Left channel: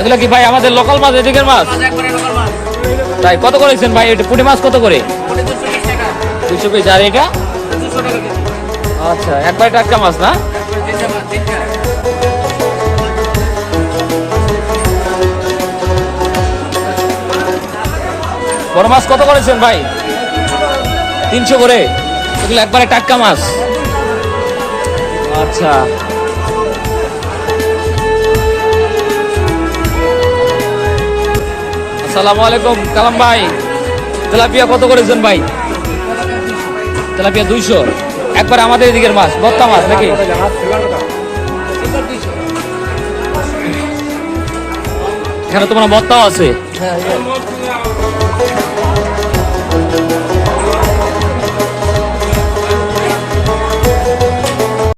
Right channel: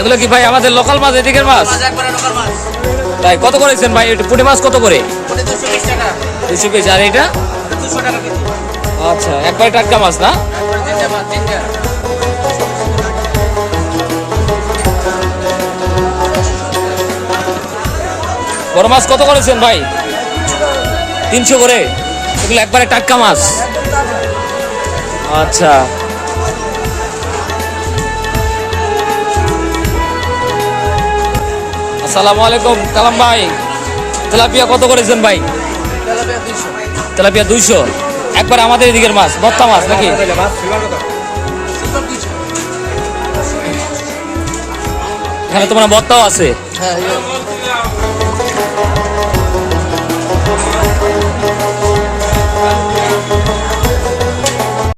এগুলো কি ভাই আমাদের লোকাল মাছ, এদিকের মাছ? তাই কত করেছেন ভাই? পুঁটি মাছ কত করে? 200 পিস। আর এটা? আচ্ছা, একবারে টাটকা মাছ না? বড় মাছ কত করেছেন ভাই? 300 করে। এগুলো একবারে টাটকা মাছ। আচ্ছা, আসসালামু আলাইকুম কালাম ভাই। তেলাপিয়া কত করেছেন ভাই? তেলাপিয়া 200। একবার আমাদের এদিকের মাছ, বত্তা মাছ নাকি? এখানে তোমার বত্তাও আছে।